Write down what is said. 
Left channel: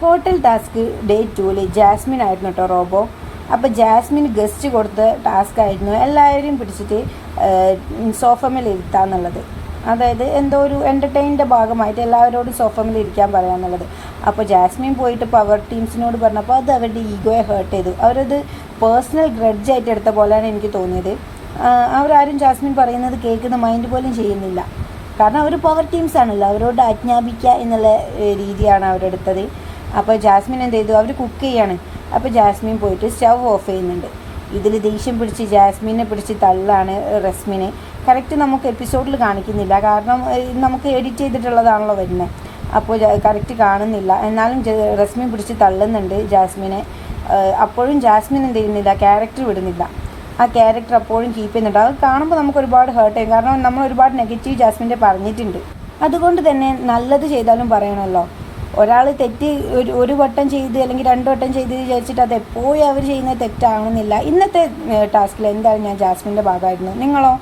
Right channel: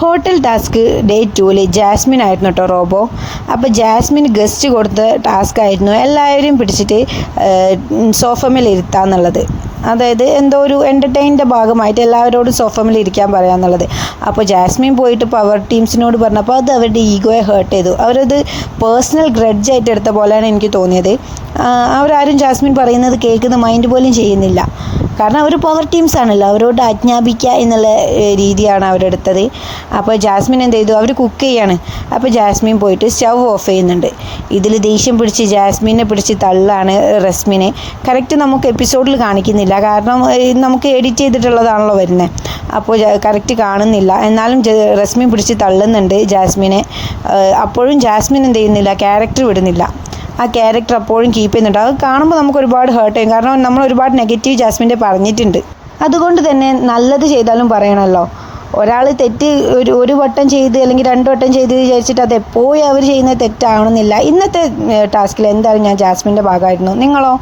Hotel task day 2-ൽ Jasmine ആയിരുന്നു കേട്ടോ robo. അപ്പോൾ ജാസ്മിൻ ഗസ്റ്റ് കൊടുത്ത ടാസ്ക് ആയിരുന്നു എല്ലാവരെയും പിടിച്ചിട്ട് സോഫമേൽ ഇരുത്താന്നുള്ളത്. അതായത് എന്തോ ഒരു എൻ്റർടൈനിൻ്റെ ഭാഗമായിട്ട് എല്ലാവരോടും സോഫമേൽ ഇരിക്കാൻ പറയാന്നുള്ളത്. അപ്പോൾ ജാസ്മിൻ പോയിട്ട് പവർ ടീംസിനോട് പറഞ്ഞപ്പോൾ അത് അവരുടെ ഈഗോയെ ഹേർട്ട് ചെയ്തു. അവരത് പേഴ്സണൽ ഗ്രഡ്ജായിട്ട് എടുത്ത പോലെയാണ് എനിക്ക് തോന്നിയത്. അവരാരും ജാസ്മിൻ പറയുന്നത് കേൾക്കുന്ന മൈൻഡ് പോലും ചെയ്യുന്നില്ല. കാരണം അവർ പവർ ടീംസ് ആണല്ലോ, അവരോട് ആജ്ഞാപിക്കുക എന്നുള്ള രീതിയാണ് അവരെടുത്തത്. അപ്പോൾ ജാസ്മിൻ എന്ത് ചെയ്തു, അവർ കുക്ക് ചെയ്യാണ്. അപ്പോൾ ജാസ്മിൻ പോയിട്ട് സ്റ്റൗ ഓഫ് ചെയ്യുന്നുണ്ട്. ഇതിൽ ദേഷ്യം പിടിച്ച് ജാസ്മിനെ പിടിച്ച് തള്ളാണ് റസ്മിനെ. കറക്റ്റ് നമുക്ക് എപ്പിസോഡിൽ കാണിക്കുന്നില്ല, കാരണം നമുക്ക് എഡിറ്റ് ചെയ്തിട്ടുള്ളതാണല്ലോ വരുന്നത്. അപ്പോൾ കറക്റ്റ് കാണുന്നില്ല. എന്നാലും റസ്മിൻ പിടിച്ച് തള്ളുന്നുണ്ട് ജാസ്മിനെ. അപ്പോഴും ജാസ്മിൻ എന്ത് ചെയ്യുന്നില്ല, ക്യാരക്ടർ വിടുന്നില്ല. ആ ക്യാരക്ടർ അപ്പോഴും കീപ്പ് ചെയ്യുന്നുണ്ട്. അത് കാണുമ്പോൾ നമുക്ക് ഒരുപാട് ഹേർട്ട് ചെയ്യും, കാരണം നമ്മൾ ഒരുപാട് നെഗറ്റീവ് ജാസ്മിൻ്റെ പറഞ്ഞിട്ടുണ്ട്. അതുകൊണ്ട് തന്നെ നല്ലത് ചെയ്താലും പറയണമല്ലോ. ഒരാൾ തെറ്റ് ഒരു വട്ടം ചെയ്ത് അല്ലെങ്കിൽ 2 വട്ടം ചെയ്ത് വിചാരിച്ചിട്ട് അത് എപ്പോഴും അവർ ചെയ്യുന്നത് തെറ്റാവണമെന്നില്ല. ഇന്നത്തെ ടാസ്കിൽ എന്തായാലും ഞാൻ ജാസ്മിൻ്റെ ഭാഗമായിരുന്നു. നിങ്ങളോ?